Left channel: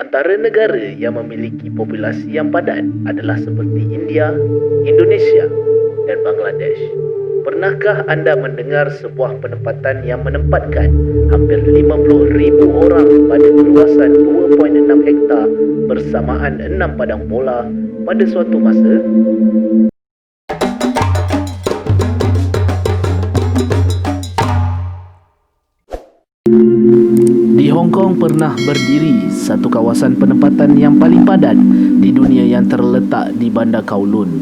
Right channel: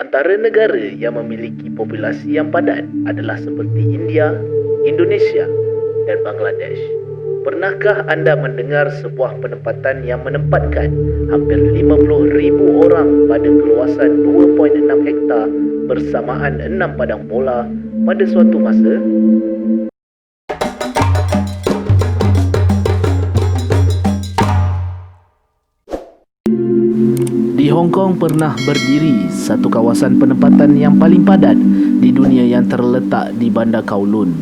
Antara negara yang memiliki populasi yang padat adalah seperti India, Indonesia dan Bangladesh. Pernahkah anda mendengar sebuah penempatan yang menempatkan hampir 50,000 orang pada keluasan 2.6 hektar bersamaan 6 padang bola pada suatu masa? Di Hong Kong pernah berdiri satu kawasan penempatan yang paling padat di dunia yang terletak di Bandar Kowloon.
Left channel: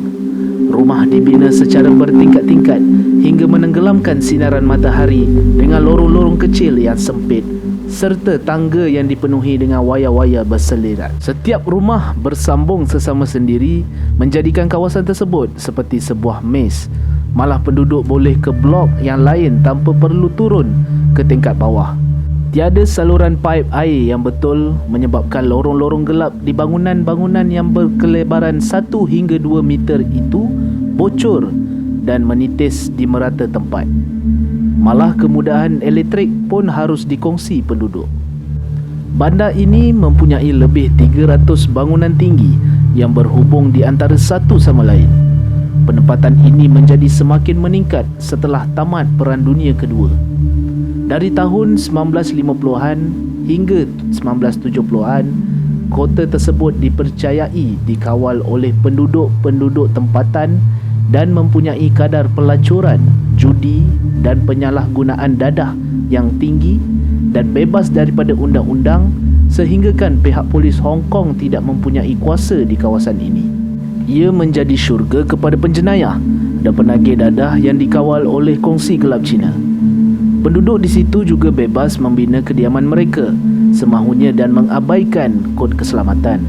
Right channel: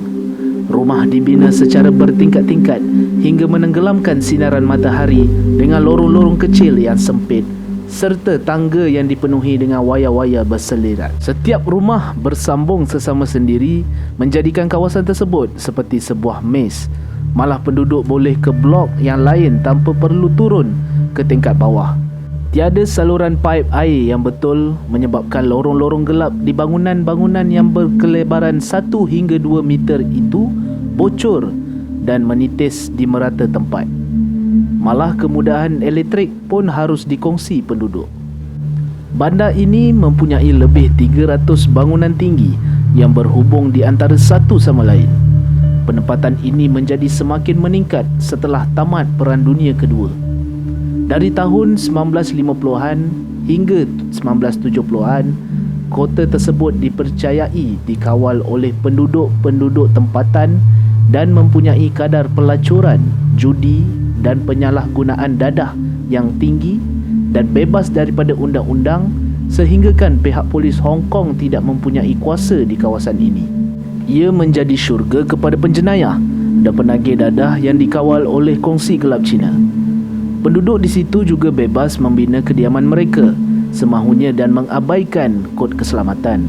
Rumah dibina secara bertingkat-tingkat hingga menenggelamkan sinaran matahari dengan lorong-lorong kecil yang sempit serta tangga yang dipenuhi dengan wayar-wayar berselirat. Setiap rumah bersambung sesama sendiri menjadikan kawasan tersebut seperti sebuah maze. Malah penduduk boleh ke blok yang lain tanpa perlu turun ke tingkat bawah. Tiada saluran paip air yang betul menyebabkan lorong-lorong gelap di bangunan-bangunan yang berkelebaran 1 hingga 2 meter itu bocor dan menitis di merata tempat. Malah kemudahan elektrik pun harus dikongsi penduduk. Bandar ini mempunyai lebih 300 bangunan tinggi yang berhubung di antara satu sama lain. Penempatan ini menjadi semakin meningkat setelah tamat Perang Dunia Kedua. Dari tahun 1950-an hingga 1970-an, kota tersebut dipercayai dikawal oleh penduduk-penduduk tempatan dan mempunyai kadar pelacuran, judi dan penyalahgunaan dadah yang tinggi dan bebas daripada undang-undang sehinggakan pihak polis Hong Kong tidak mempunyai kuasa di kawasan ini. Ia menjadi syurga kepada penjenayah dan penagih dadah yang dikawal oleh kongsi gelap Cina. Penduduk di situ juga bebas membina kediaman mereka semahunya dan mengabaikan kod keselamatan.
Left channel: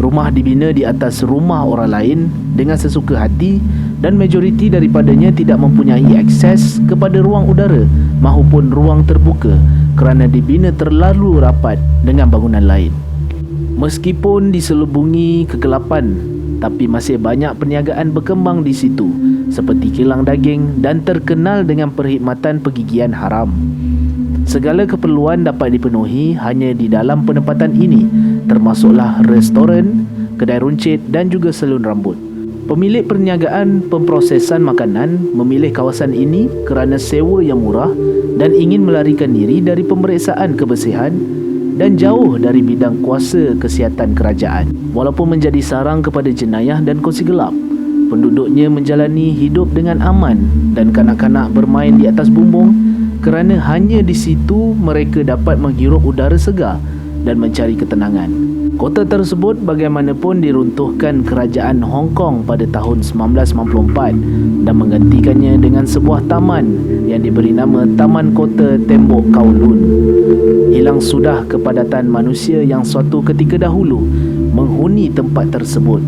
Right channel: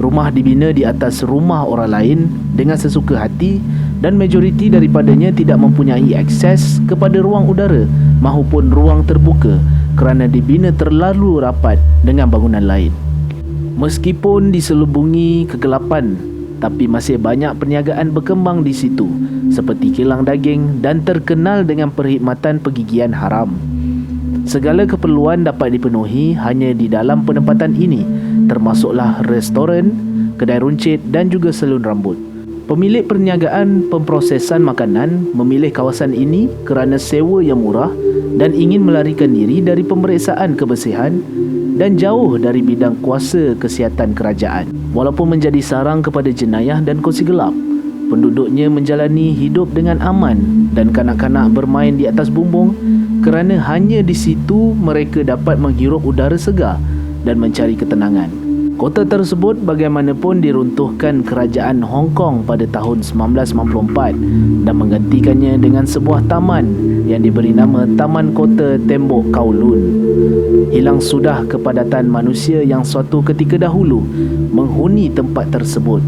Rumah dibina di atas rumah orang lain dengan sesuka hati dan majoriti daripadanya tidak mempunyai akses kepada ruang udara maupun ruang terbuka kerana dibina terlalu rapat dengan bangunan lain. Meskipun diselubungi kegelapan, tapi masih banyak perniagaan berkembang di situ seperti kilang daging dan terkenal dengan perkhidmatan pergigian haram. Segala keperluan dapat dipenuhi hanya di dalam penempatan ini, termasuklah restoran, kedai runcit dan juga salon rambut. Pemilik perniagaan pemprosesan makanan memilih kawasan ini kerana sewa yang murah dan ingin melarikan diri dari pemeriksaan kebersihan dan jauh dari bidang kuasa kesihatan kerajaan. Walaupun menjadi sarang kepada jenayah dan kongsi gelap, penduduknya menjalani hidup dengan aman dan kanak-kanak bermain di atas bumbung kerana hanya di situ mereka dapat menghirup udara segar dan mencari ketenangan. Kota tersebut bagaimanapun diruntuhkan kerajaan Hong Kong pada tahun 1994 dan menggantikannya dengan sebuah taman yang diberi nama Taman Kota Tembok Kowloon. Hilang sudah kepadatan manusia yang suatu ketika dahulu menghuni tempat tersebut.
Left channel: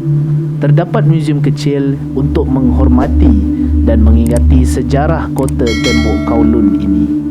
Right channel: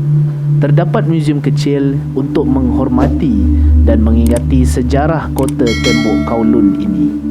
Terdapat muzium kecil untuk menghormati dan mengingati sejarah kota Tembok Kowloon ini.